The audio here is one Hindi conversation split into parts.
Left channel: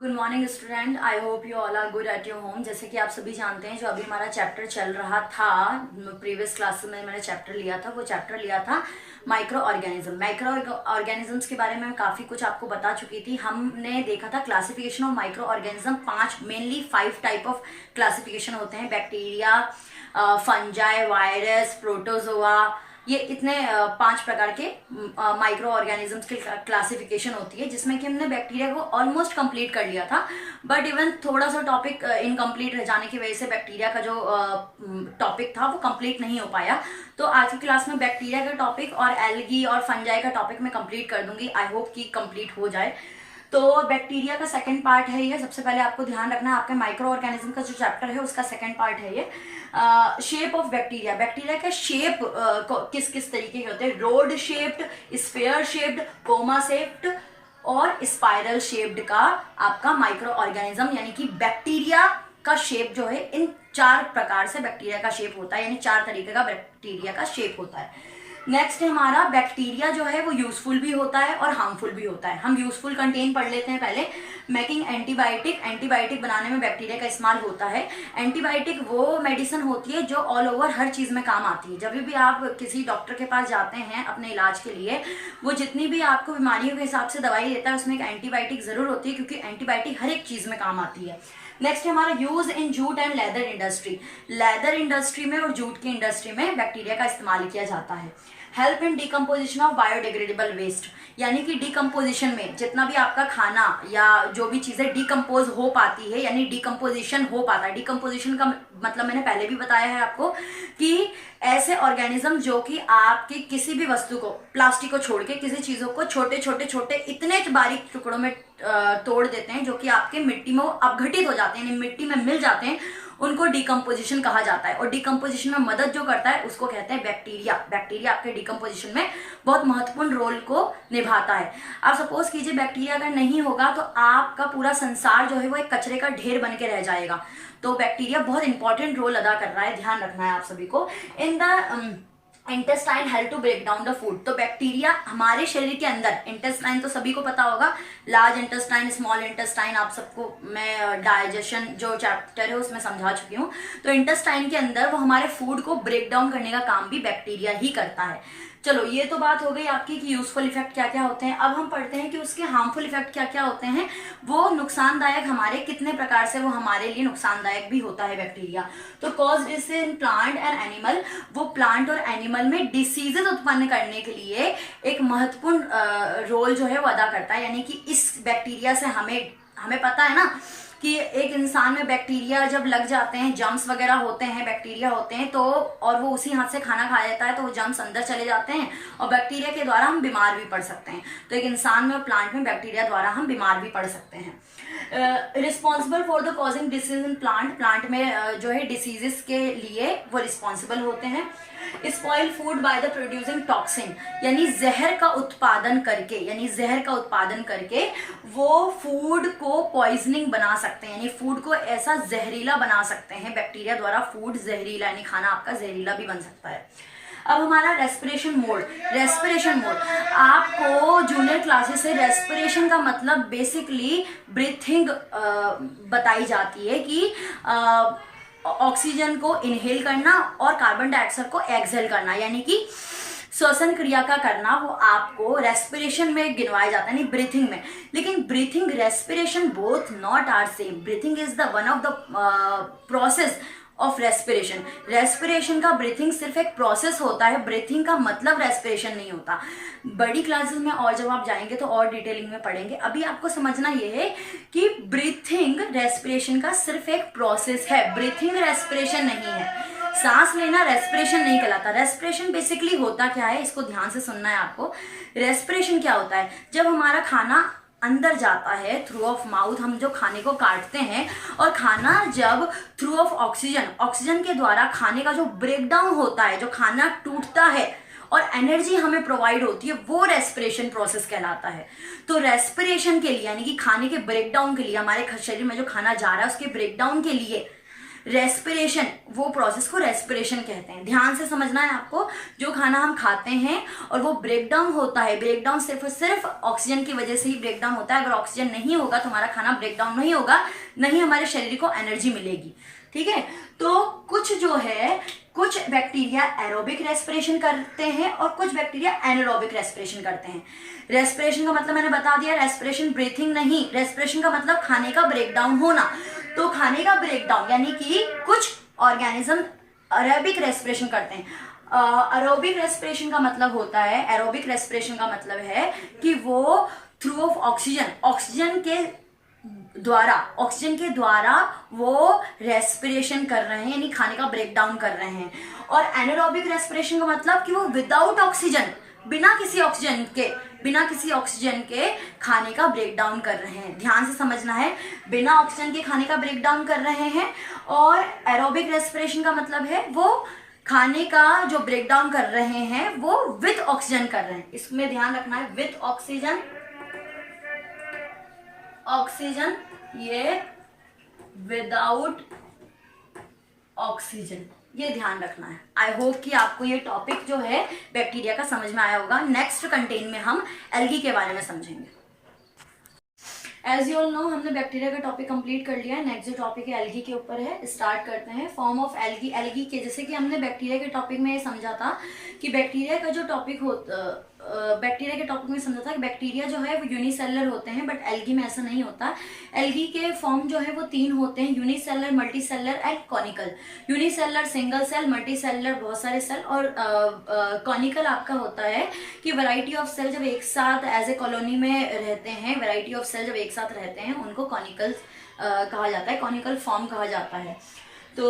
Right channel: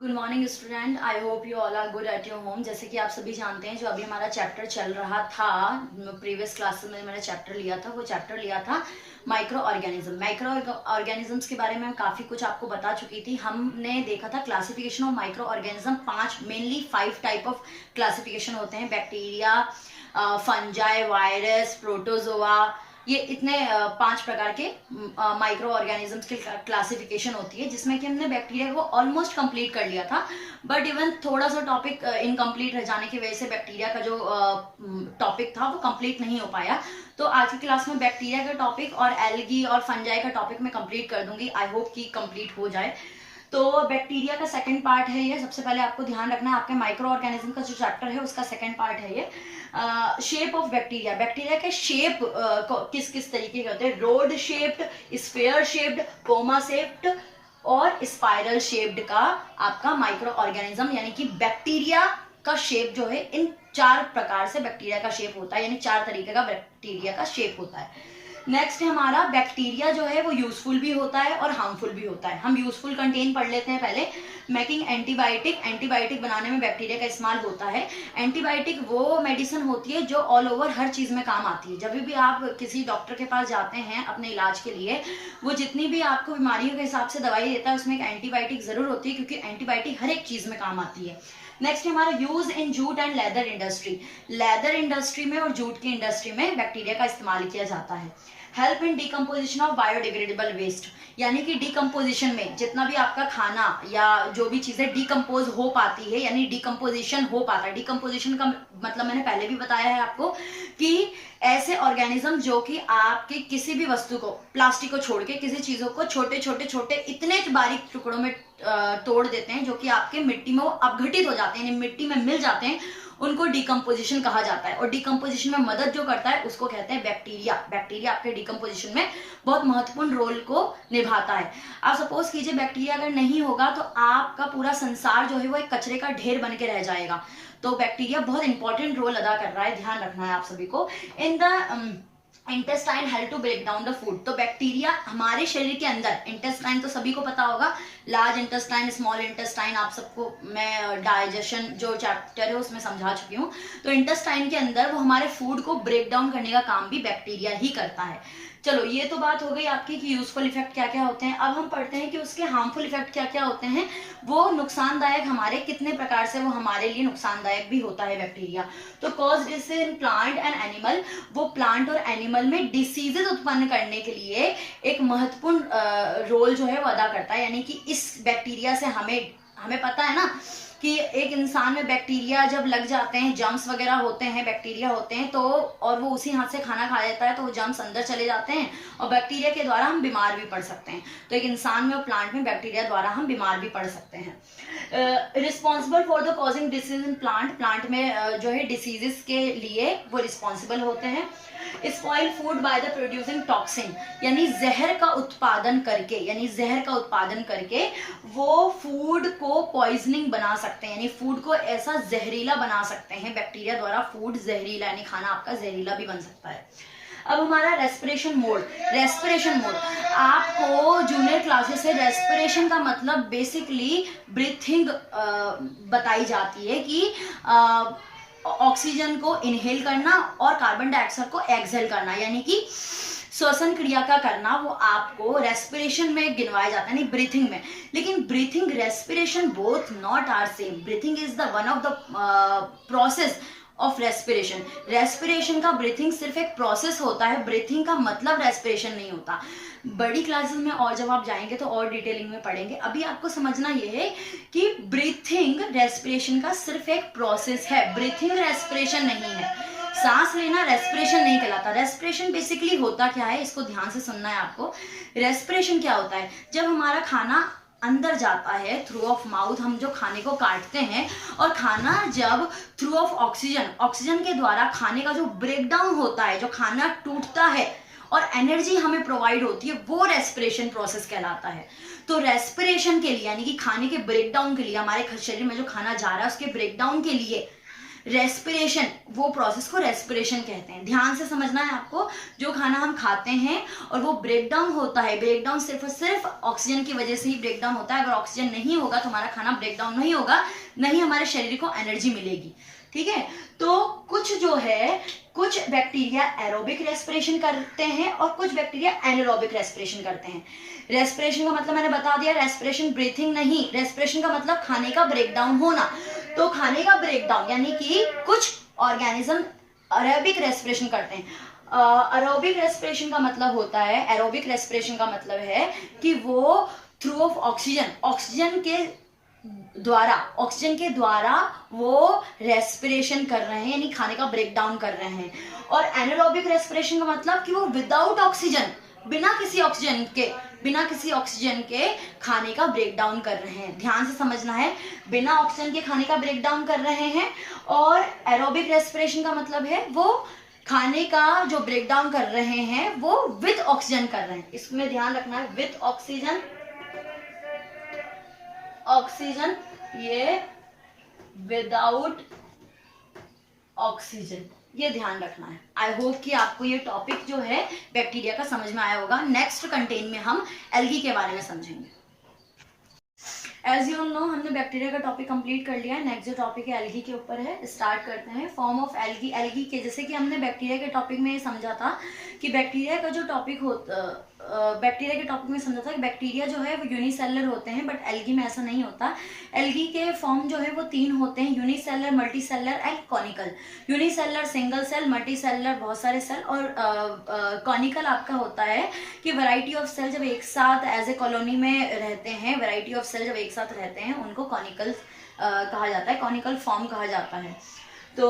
Good morning student, I hope you all are good at your home. जैसे कि आप सभी जानते हैं, जो अभी हमारा चैप्टर चल रहा था, प्रीवियस क्लासेस में मैंने चैप्टर लिया था, वो चैप्टर लिया था माइक्रो ऑर्गेनिज्म। माइक्रो ऑर्गेनिजम्स के बारे में मैं काफ़ी कुछ आपको बता चुकी थी। हमने देखा था classification of micro organism, 5 mainly 5 type of classification होते हैं। बैक्टीरिया, फंजाई, वायरस, प्रोटोजोआ, ये इतने 5 प्रकार के माइक्रो ऑर्गेनिजम्स की क्लासिफिकेशन होती है, जिसमें कि हमने बैक्टीरिया को ऑलमोस्ट कंप्लीट कर लिया था। बट इवन थोड़ा सा टॉपिक इनकम्प्लीट रह जाने की वजह से बैक्टीरिया का जो टॉपिक था वो कंप्लीट नहीं हो पाया। तो आज की क्लास में बैक्टीरिया का टॉपिक और एल्गी और फंजाई का टॉपिक मैं कंप्लीट कर दूंगी। आई होप कि कंप्लीट हो जाए। तो बैक्टीरिया का सेकंड पार्ट है ये। सबसे पहले आपको ध्यान रखना है, आपके माइक्रो ऑर्गेनिज्म का जो चैप्टर है उसका सेकंड पार्ट है ये। शेप ऑफ बैक्टीरिया, बैक्टीरिया के शेप किस किस तरीके के होते हैं। Road shaped, sphere shaped, comma shaped और स्पाइरल शेप्ड का आपका माइक्रो ऑर्गेनिज्म यानी कि बैक्टीरिया का शेप जो है, इन 4 प्रकार से बैक्टीरिया का शेप होता है, यानी 4 तरीके का बैक्टीरिया का शेप होता है। नेक्स्ट है हमारा बैक्टीरिया जो है वो यूजफुल भी होता है और हार्मफुल भी होता है। हम यूजफुल कंटेन पढ़ लेते हैं पहले। मेकिंग एंटीबायोटिक, एंटीबायोटिक बनाने में बैक्टीरिया का इस्तेमाल होता है। एंटीबायोटिक वो मेडिसिन होती है जो ऑल ओवर हर चीज़ में काम आती है। जब भी आप किसी डॉक्टर के पास जाते हैं अपने इलाज के लिए, वो जितनी भी आपको बीमारियों के हिसाब से दवाई देता है उसमें एक एंटीबायोटिक ज़रूर होती है, क्योंकि एंटीबायोटिक हर एक चीज़ में काम आती है। नेक्स्ट है हमारा use in jute and leather industry. Leather industry में और जूट की इंडस्ट्री में बैक्टीरिया का इस्तेमाल किया जाता है। Help in decomposition of biodegradable waste, यानी कि डिकम्पोजिशन में जितना भी आपका खाना या जो भी चीज़ें डिकम्पोज हो पाती है, यानी डिकम्पोजिशन हो पाता है। डिकम्पोजिशन का मतलब मैंने पहले भी बताया है आपको कि ऐसे ऑर्गेनिज्म जो कि आपके किसी भी वस्तु को, प्लास्टिक को छोड़ के किसी चीज़ों को छोटे छोटे छोटे इतने बारीक टुकड़ों में तोड़ देते हैं जो कि आपके मिट्टी में वो अपघटित हो जाते हैं, यानी मिट्टी में मिल जाते हैं, उनको डिकम्पोजिशन कहा जाता है। और डिकम्पोजिशन में मदद जो करता है उसको कहते हैं बैक्टीरिया। बैक्टीरिया आपके डिकम्पोजिशन में बहुत महत्वपूर्ण रोल को निभाता है। आप सपोज कीजिए बैक्टीरिया अगर नहीं होगा तो आपका पूरा संसार जो है वो एक कचरे का ढेर बन के रह जाएगा। तो बैक्टीरिया बहुत इंपॉर्टेंट रोल अदा कर रहा है, ध्यान रखना है आप सभी को। In the intestine help to break down the food, तो बैक्टीरिया हमारे शरीर के अंदर, इंटेस्टाइन तो सभी को पता होगा, लार्ज इंटेस्टाइन, स्मॉल इंटेस्टाइन, आप सबको मैं डाइजेशन जो चैप्टर है उसमें समझा चुकी हूँ। तो इंटेस्टाइन के अंदर वो हमारे फूड को ब्रेक डाउन करने का काम भी बैक्टीरिया ही करता है। चलो, ये तो बात हो गई आपकी कि यूजफुल इफेक्ट क्या क्या होते हैं। अब हम पढ़ते हैं कि उसके हार्मफुल इफेक्ट क्या क्या होते हैं। वो नुकसानदायक हमारे कितने प्रकार से वो हमारे लिए नुकसानदायक भी होता है बैक्टीरिया। तो cause disease in plant and animal, वो प्लांट और एनिमल में डिसीजेज उत्पन्न करने के लिए एक महत्वपूर्ण रोल जो है वो अदा करता है। यानी कि इस बैक्टीरिया से हमें पता है ना कि एक इंसान में बैक्टीरिया जब लग जाते हैं, जम्स वगैरह होते हैं, बैक्टीरिया होते हैं, तो और वो उसी हाथ से खाना खा लेता है तो वो जम्स अंदर चले जाते हैं और बैक्टीरिया के द्वारा हम बीमार भी पड़ सकते हैं। तो एक इंसान में और प्लांट में बैक्टीरिया द्वारा हम बीमार भी पड़ सकते हैं। Responsible for the causing disease in plant, plant में जो है डिसीजेस के लिए वो रिस्पॉन्सिबल होते हैं। Spoil food by the producing toxin, यानी जहर का उत्पादन करके वो फूड को पॉइजनिंग बना सकते हैं, यानी फूड को ऐसा जहरीला बना सकते हैं बैक्टीरिया द्वारा। फूड जहरीला यानी खाना आपका जहरीला भी बन सकता है। अब हमारा रेस्पिरेशन मोड, आपको जूनियर क्लासेस से रेस्पिरेशन का मतलब बेसिकली ब्रीथिंग बताई जाती है कि ऑक्सीजन को इनहेल करना और कार्बन डाइऑक्साइड को एक्सहेल करना, यानी कि श्वसन क्रिया का करना, वो आपको रेस्पिरेशन में गिनवाया जाता है, नहीं ब्रीथिंग में। लेकिन breathing, respiration both not are same. Breathing is the one of the process of respiration. Respiration का ब्रीथिंग सिर्फ एक प्रोसेस होता है, ब्रीथिंग का मतलब रेस्पिरेशन नहीं होता। बड़ी क्लासेस में और जब आप जाएंगे तो और डिटेलिंग में पढ़ेंगे। अभी आपको समझना यह है कि ब्रीथिंग रेस्पिरेशन का सिर्फ एक प्रोसेस है, ब्रीथिंग रेस्पिरेशन नहीं है। सांस लेना रेस्पिरेशन नहीं कहलाता। रेस्पिरेशन बेसिकली होता क्या है, इसको ध्यान से सुनना है आपको। रेस्पिरेशन क्या होता है, जब हमारा खाना अंदर जाता है थ्रू ऑफ माउथ, हम जो खाने को काटते हैं, और खाना जब थ्रू ऑफ ऑक्सीजन के द्वारा खाने का जो ब्रेकडाउन होता है, जो खाना टूटता है और एनर्जी हमें प्रोवाइड होती है, वो रेस्पिरेशन प्रोसेस कहलाता है। तो रेस्पिरेशन के लिए, यानी कि खाने के ब्रेकडाउन के लिए, हमारे शरीर में जो खाना जा रहा है उसके ब्रेकडाउन के लिए रेस्पिरेशन, वो प्रोसेस को रेस्पिरेशन कहते हैं। ध्यान से समझना है आपको, जो खाना हम खाते हैं और वो ब्रेक डाउन होता है, ब्रेक डाउन सिर्फ और सिर्फ ऑक्सीजन की वजह से ही ब्रेक डाउन होता है। अगर ऑक्सीजन नहीं होगा तो हमारा खाना ब्रेक डाउन नहीं होगा, नहीं हमारे शरीर को एनर्जी मिलेगी। ठीक है, तो कुछ जो है, कुछ बैक्टीरिया एरोबिक रेस्पिरेशन करते हैं और कुछ बैक्टीरिया एनारोबिक रेस्पिरेशन करते हैं। रेस्पिरेशन का मतलब मैंने बता दिया, रेस्पिरेशन ब्रीथिंग नहीं, रेस्पिरेशन का मतलब खाने का ब्रेकडाउन होना। तो खाने का ब्रेकडाउन यानी कि कुछ ऑर्गेनिज्म एरोबिक रेस्पिरेशन करते हैं। एरोबिक रेस्पिरेशन का मतलब होता है, एरोबिक रेस्पिरेशन का मतलब है कि वो थ्रू ऑफ ऑक्सीजन, ऑक्सीजन के द्वारा वो रेस्पिरेशन कर रहे हैं, यानी खाने का ब्रेकडाउन कर रहे हैं। और एनारोबिक रेस्पिरेशन का मतलब कि वो विदाउट ऑक्सीजन, बिना किसी ऑक्सीजन के खाने का ब्रेकडाउन कर रहे हैं। ध्यान से समझना है, बिना ऑक्सीजन के खाने का ब्रेकडाउन कर रहे हैं। और एरोबिक रेस्पिरेशन का मतलब है वो खाने का जो ब्रेकडाउन कर रहे हैं वो विद ऑक्सीजन कर रहे हैं। इसमें ध्यान रखना है, विद ऑक्सीजन, ये विदाउट ऑक्सीजन, ये ध्यान रखना है। आई होप कि आपको ये टॉपिक जो है बैक्टीरिया का समझ में आया होगा। नेक्स्ट कंटेन में हम एल्गी के बारे में समझेंगे। एज यू ऑल नो, हमने बैक्टीरिया का टॉपिक कंप्लीट कर लिया है। नेक्स्ट जो टॉपिक है एल्गी के ऊपर है। स्टार्ट करते हैं। Form of algae. एल्गी के जैसे कि हमने बैक्टीरिया के टॉपिक में समझा था कि बैक्टीरिया का जो टॉपिक बैक्टीरिया के टॉपिक में समझा था कि बैक्टीरिया जो है वो यूनिसेलर होते हैं, बट एल्गी में ऐसा नहीं होता। एल्गी के फॉर्म जो है वो 3 होते हैं, unicellular, multicellular and conical. Unicellular single cell, multicellular बहुत सारे सेल, और कॉनिकल आपका होता है कि वैरायटी ऑफ सेल जब एक साथ एज ए कॉलोनी में रहते हैं, वैरायटी ऑफ सेल जब एक साथ रहते हैं उनको कॉनिकल कहा जाता है, कॉनिकल फॉर्म कहा जाता है। तो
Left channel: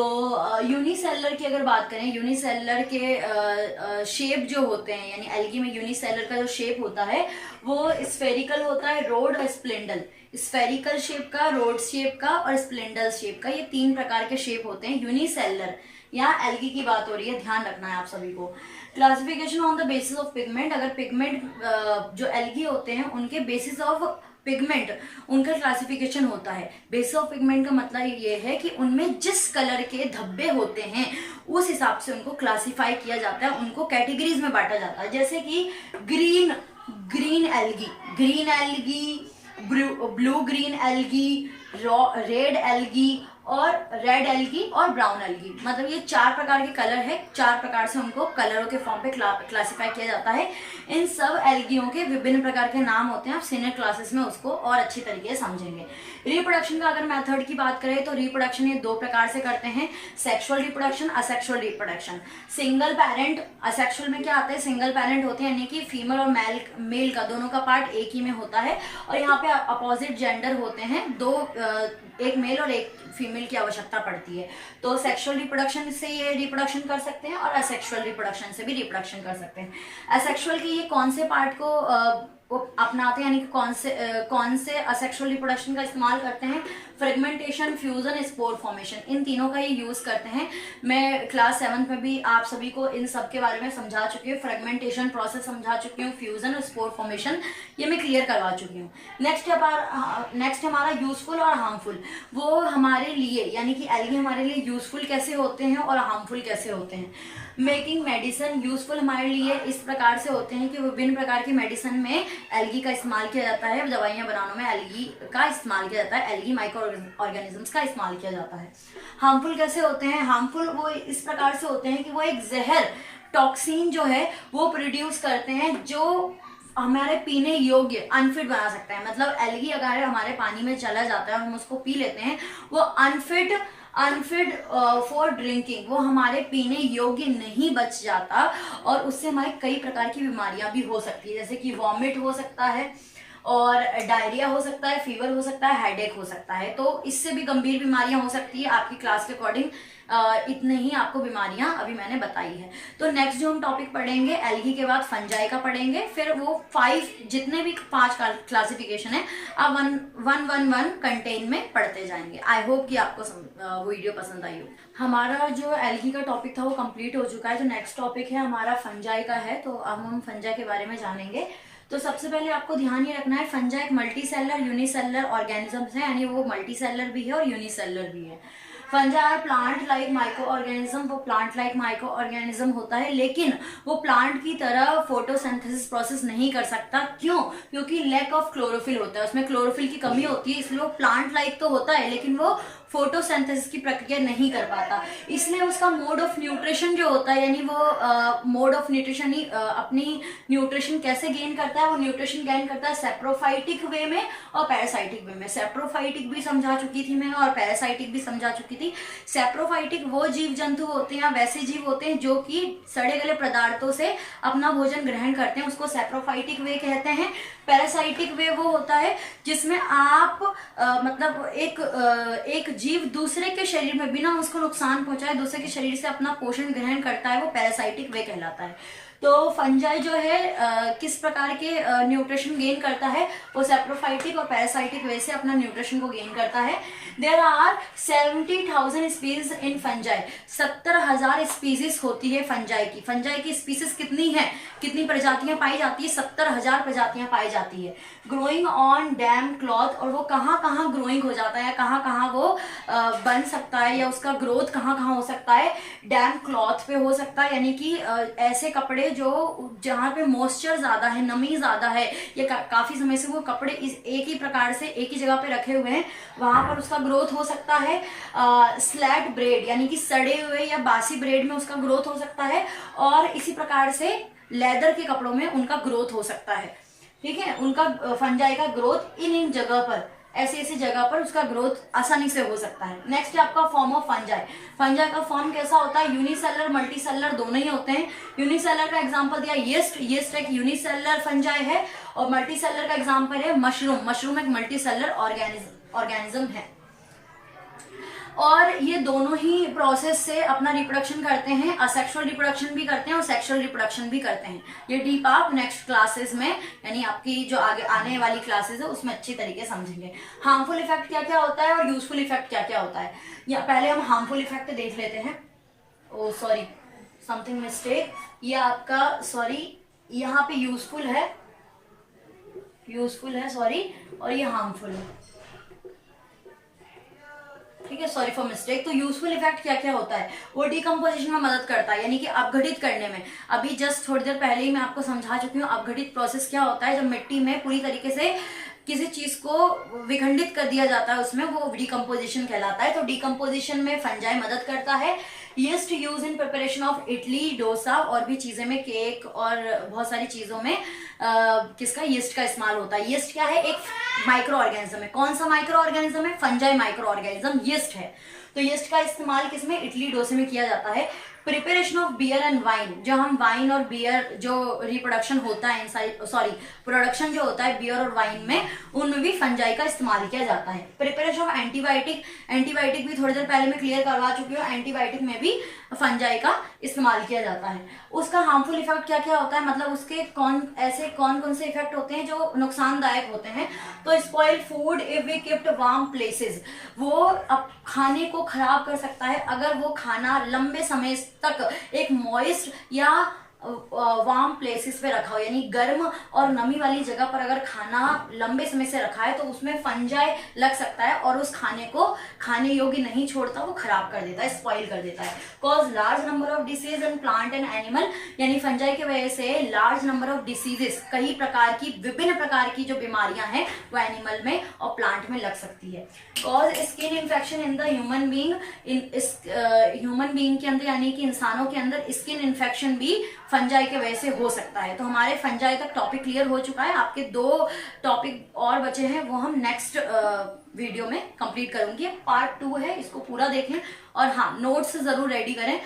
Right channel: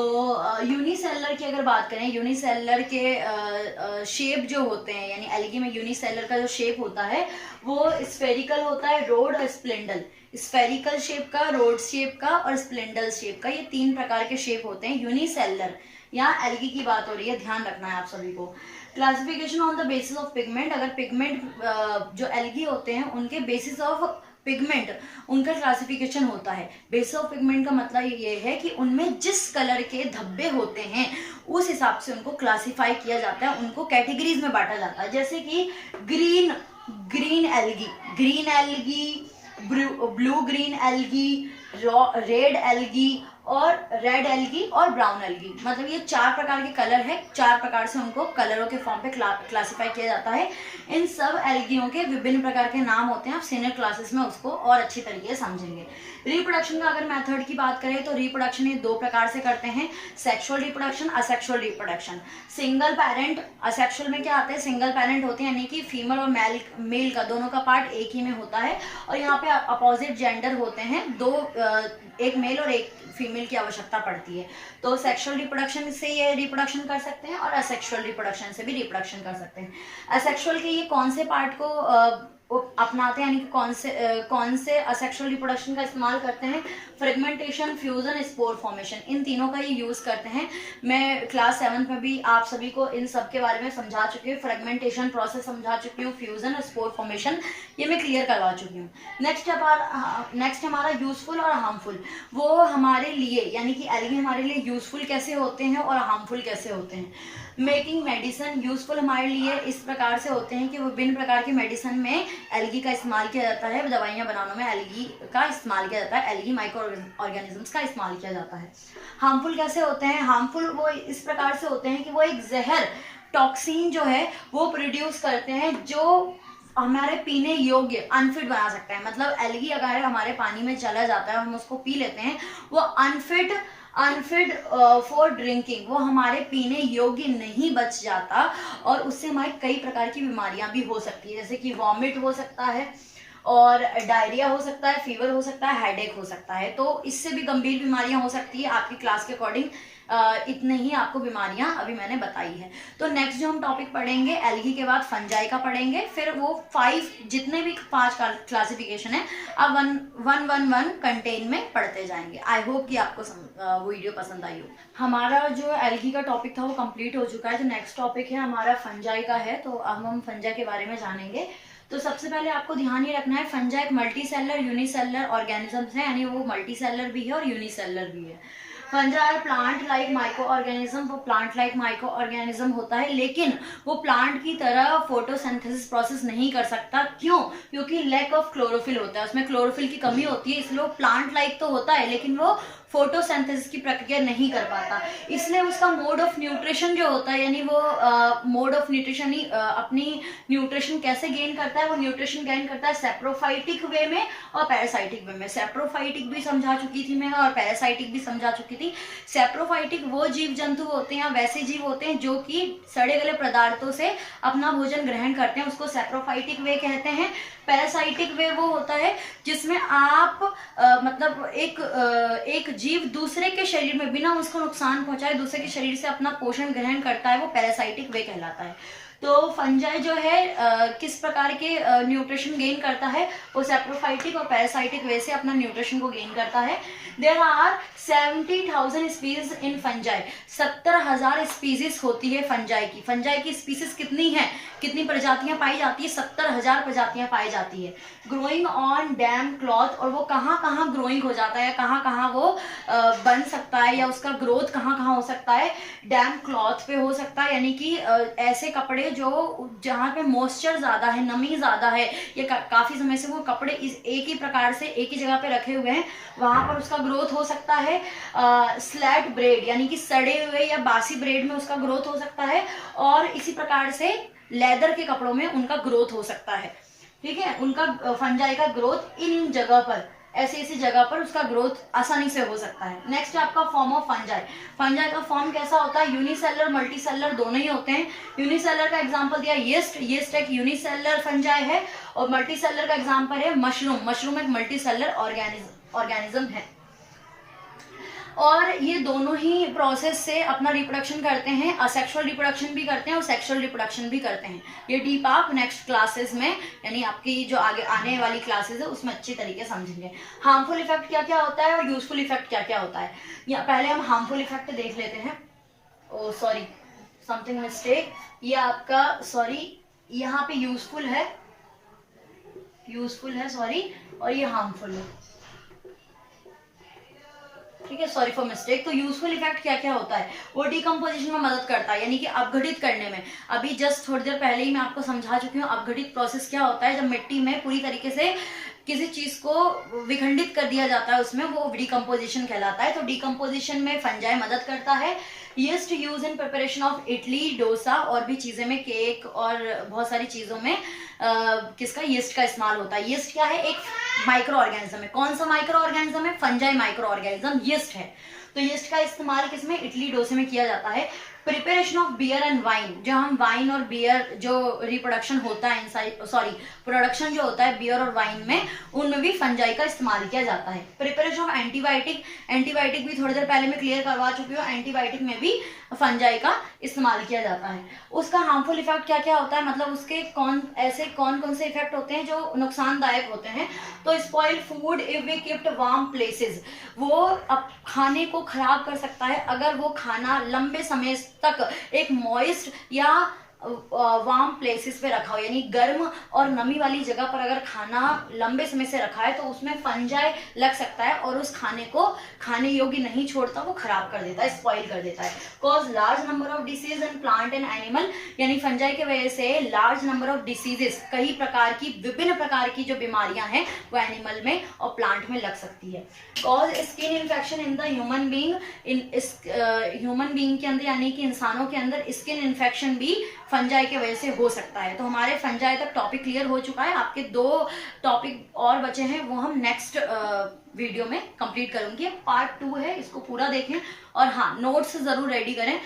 यूनिसेलर की अगर बात करें, यूनिसेलर के शेप जो होते हैं, यानी एल्गी में यूनिसेलर का जो शेप होता है वो स्फेरिकल होता है, रोड और स्प्लेंडल। स्फेरिकल शेप का, रोड शेप का और स्प्लेंडल शेप का, ये 3 प्रकार के शेप होते हैं यूनिसेलर। यहाँ एल्गी की बात हो रही है, ध्यान रखना है आप सभी को। Classification on the basis of pigment. अगर पिगमेंट जो एल्गी होते हैं उनके बेसिस ऑफ पिगमेंट उनका क्लासिफिकेशन होता है। बेसिस ऑफ पिगमेंट का मतलब ये है कि उनमें जिस कलर के धब्बे होते हैं उस हिसाब से उनको क्लासिफाई किया जाता है, उनको कैटेगरीज में बांटा जाता है। जैसे कि green algae, blue green algae, red algae और रेड एल्गी और ब्राउन एल्गी, मतलब ये 4 प्रकार के कलर है। 4 प्रकार से उनको कलरों के फॉर्म पे क्लासिफाई किया जाता है। इन सब एल्गियों के विभिन्न प्रकार के नाम होते हैं, आप सीनियर क्लासेस में उसको और अच्छी तरीके से समझेंगे। रिप्रोडक्शन का अगर मेथड की बात करें तो रिप्रोडक्शन ये 2 प्रकार से करते हैं, sexual reproduction, asexual reproduction. Single parent, asexual में क्या आता है, सिंगल पेरेंट होते हैं, यानी कि फीमेल और मेल का दोनों का पार्ट एक ही में होता है, और यहाँ पे अपोजिट जेंडर होते हैं, एक मेल और एक फीमेल की आवश्यकता पड़ती है। तो सेक्सुअल रिप्रोडक्शन से ये रिप्रोडक्शन कर सकते हैं और असेक्सुअल रिप्रोडक्शन से भी रिप्रोडक्शन कर सकते हैं। असेक्सुअल के ये कौन से पार्ट को अपनाते हैं, यानी कि कौन से असेक्सुअल रिप्रोडक्शन का इस्तेमाल करते हैं, फ्रेगमेंटेशन, फ्यूजन, स्पोर फॉर्मेशन, इन तीनों का ये यूज करते हैं। मैं क्लास 7th में भी आप सभी को इन सब के बारे में समझा चुकी हूँ, फ्रेगमेंटेशन प्रोसेस समझा चुकी हूँ, फ्यूजन और स्पोर फॉर्मेशन ये मैं क्लियर करवा चुकी हूँ। नेक्स्ट हमारा यूजफुल और हार्मफुल। वो हमारे लिए, यानी कि एल्गी हमारे लिए यूजफुल कैसे होते हैं और हार्मफुल कैसे होते हैं। Making medicine. यूजफुल हमारे लिए इस प्रकार से होते हैं कि विभिन्न प्रकार की मेडिसिन में एल्गी का इस्तेमाल किया जाता है, दवाइयां बनाने में एल्गी का इस्तेमाल किया जाता है, एल्गी माइक्रो ऑर्गेनिजम्स का इस्तेमाल किया जाता है। हार्मफुल कैसे होते हैं, हार्मफुल वो इस प्रकार से होते हैं कि वो एक जहर, टॉक्सिन जो है वो प्रोड्यूस करते हैं जो हमारे पीने योग्य अनफिट बना सकता है। मतलब एल्गी अगर हमारे पानी में चला जाता है और हम उसको पी लेते हैं, वो अनफिट फॉर ड्रिंकिंग, वो हमारे पीने योग्य नहीं बच जाता, और उससे हमारे कई प्रकार की बीमारियां भी हो सकती है, जैसे कि वॉमिट हो सकता है और डायरिया हो सकता है, फीवर हो सकता है, हेडेक हो सकता है। तो इससे भी गंभीर बीमारियां हो सकती है। आपकी क्लास के अकॉर्डिंग इतने ही आपको बीमारियां अभी मैंने बताई है। तो नेक्स्ट जो हम टॉपिक पढ़ेंगे, एल्गी के बाद फंजाई का पढ़ेंगे, फिर वो 5 जितने भी 5 क्लासिफिकेशन है आप 1 कंटेन में पढ़ते जाएंगे। आई होप कि आपको वो वीडियो पसंद आई हो। हमारा जो एल्गी का टॉपिक था वो कंप्लीट हो चुका है। जो नेक्स्ट टॉपिक है हमारा फंजाई का है, तो अब हम फंजाई के बारे में जानेंगे। तो सबसे पहले आपको ध्यान ये रखना है, फंजाई एक मल्टी सेलर यूनिसेलर ऑर्गेनिजम्स है, यानी वो मल्टी सेलर भी है और यूनिसेलर भी है। Fungi are plant like microorganism, वो प्लांट लाइक माइक्रो ऑर्गेनिज्म होता है, लेकिन वो प्लांट की तरह फोटोसिंथेसिस प्रोसेस नहीं कर सकता। क्यों? क्योंकि लैक ऑफ क्लोरोफिल होता है, उसमें क्लोरोफिल की कमी होती है, इसलिए वो प्लांट लाइक तो होता है लेकिन वो फोटोसिंथेसिस की प्रक्रिया नहीं कर पाता। इसलिए उसका मोड ऑफ न्यूट्रिशन जो होता है, यानी वो मोड ऑफ न्यूट्रिशन ही अपनी न्यूट्रिशन कैसे गेन करता है, वो न्यूट्रिशन गेन करता है सेप्रोफाइटिक वे में और पैरासाइटिक वे में। सेप्रोफाइटिक भी समझा चुकी थी मैं और पैरासाइटिक भी समझा चुकी थी। सेप्रोफाइटिक वो जीव जंतु होते हैं, वैसे जीव होते हैं जो कि सड़े गले पदार्थों से अपना भोजन ग्रहण करते हैं, उसको सेप्रोफाइटिक वे कहते हैं। पैरासाइटिक वे वो होता है जिसमें आप मतलब एक जीव दूसरे के शरीर में बिना उसको नुकसान पहुंचाए दूसरे के शरीर से अपना पोषण ग्रहण करता है, वो पैरासाइटिक वे कहलाता है। तो फंजाई जो है किस प्रकार के न्यूट्रिशन गेन करता है, वो सेप्रोफाइटिक और पैरासाइटिक वे से अपना न्यूट्रिशन को गेन करता है। There are 70,000 species in fungi, 70,000 species होती है फंजाई की। फंजाई की स्पीसीज कितनी है, कितनी प्रजातियां पाई जाती है? 70,000 प्रजातियां पाई जाती है। ग्रोइंग ऑन डैम क्लॉथ, और वो कहाँ कहाँ ग्रोइंग हो जाता है या कहाँ कहाँ वो बन सकता है या उसका ग्रोथ कहाँ कहाँ हो सकता है? डैम क्लॉथ पे हो सकता है, यानी कि ऐसे कपड़े जो जहाँ पे मॉइस्चर ज्यादा है, नमी ज्यादा है, या काफी समय से वो कपड़े इस एक ही प्रकार से एक ही जगह पे रखे हुए हैं, वहां पर उसका ग्रोथ हो सकता है। स्लैट ब्रेड, यानी कि सड़े हुए या बासी ब्रेड में उसका ग्रोथ हो सकता है, और इसी प्रकार से लेदर के कपड़ों में उनका ग्रोथ हो सकता है। ठीक है, उनका फंजाई का ग्रोथ इन जगह पर, ऐसी जगह पर उसका ग्रोथ आसानी से हो सकता है। नेक्स्ट है आपका फॉर्म ऑफ फंजाई। फंजाई का फॉर्म कैसा होता है? यूनिसेलर मल्टीसेलर दोनों ही होते हैं। यूनिसेलर का एग्जांपल दिया यीस्ट, यीस्ट एक यूनिसेलर फंजाई है, और मल्टीसेलर का एग्जांपल है मशरूम, मशरूम एक मल्टीसेलर ऑर्गेनिज्म है। और ये दोनों ही प्रोसेस से अपना रिप्रोडक्शन करते हैं, असेक्सुअल रिप्रोडक्शन भी करते हैं और सेक्सुअल रिप्रोडक्शन भी करते हैं। ये डीप आप नेक्स्ट क्लासेस में, यानी आपकी जो आगे आने वाली क्लासेस है उसमें अच्छी तरीके समझेंगे। हार्मफुल इफेक्ट क्या क्या होता है और यूजफुल इफेक्ट क्या क्या होता है, या पहले हम हार्मफुल इफेक्ट देख लेते हैं। ओ सॉरी, समथिंग मिस्टेक, ये आपका सॉरी यहाँ पे यूजफुल है सॉरी, और ये हार्मफुल है। ठीक है, सॉरी फॉर मिस्टेक। तो यूजफुल इफेक्ट क्या क्या होता है? वो डिकम्पोजिशन में मदद करता है, यानी कि अपघटित करने में। अभी जस्ट थोड़ी देर पहले ही मैं आपको समझा चुकी हूँ अपघटित प्रोसेस क्या होता है। जब मिट्टी में पूरी तरीके से किसी चीज को विखंडित कर दिया जाता है उसमें, वो डिकम्पोजिशन कहलाता है। तो डिकम्पोजिशन में फंजाई मदद करता है। Yeast use in preparation of idli, dosa और भी चीजें में, केक और बहुत सारी चीजों में किसका, यीस्ट का इस्तेमाल होता है। यीस्ट क्या है? एक माइक्रो ऑर्गेनिज्म है। कौन सा माइक्रो ऑर्गेनिज्म है? फंजाई माइक्रो ऑर्गेनिज्म यीस्ट है। तो यीस्ट का इस्तेमाल किसमें? इडली डोसे में किया जाता है। Preparation of beer and wine, जो हम वाइन और बियर जो रिप्रोडक्शन होता है सॉरी प्रोडक्शन जो होता है बियर और वाइन में, उनमें भी फंजाई का इस्तेमाल किया जाता है। प्रिपरेशन ऑफ एंटीबायोटिक, एंटीबायोटिक भी थोड़ी देर पहले मैं क्लियर करवा चुकी हूँ, एंटीबायोटिक में भी फंजाई का इस्तेमाल किया जाता है। उसका हार्मफुल इफेक्ट क्या क्या होता है, मतलब उसके कौन कौन से इफेक्ट होते हैं जो नुकसानदायक होते हैं? तो spoil food if we kept warm places, वो खाने को खराब कर सकता है अगर वो खाना लंबे समय तक एक मॉइस्ट या वार्म प्लेसेस पे रखा हो, यानी गर्म और नमी वाली जगह पर अगर खाना लंबे समय से रखा है तो उसमें फंजाई लग सकता है और उस खाने को खाने योग्य नहीं छोड़ता, वो खराब कर देता है, स्पॉइल कर देता है। Cause large number of disease in plant and animal, यानी फंजाई की वजह से लार्ज नंबर ऑफ डिसीजेस, कई प्रकार की विभिन्न प्रकार की जो बीमारियां हैं वो एनिमल में और प्लांट में लग सकती है। Cause skin infection in the human being, human being के अंदर यानी कि इंसानों के अंदर स्किन इन्फेक्शन भी फंजाई के वजह से हो सकता है। तो हमारे फंजाई तक टॉपिक क्लियर हो चुका है। आपके 2 टॉपिक और बचे हैं, वो हम नेक्स्ट वीडियो में कंप्लीट करूंगी। पार्ट 2 है, इसको पूरा देखें और हाँ नोट्स जरूर रेडी करें।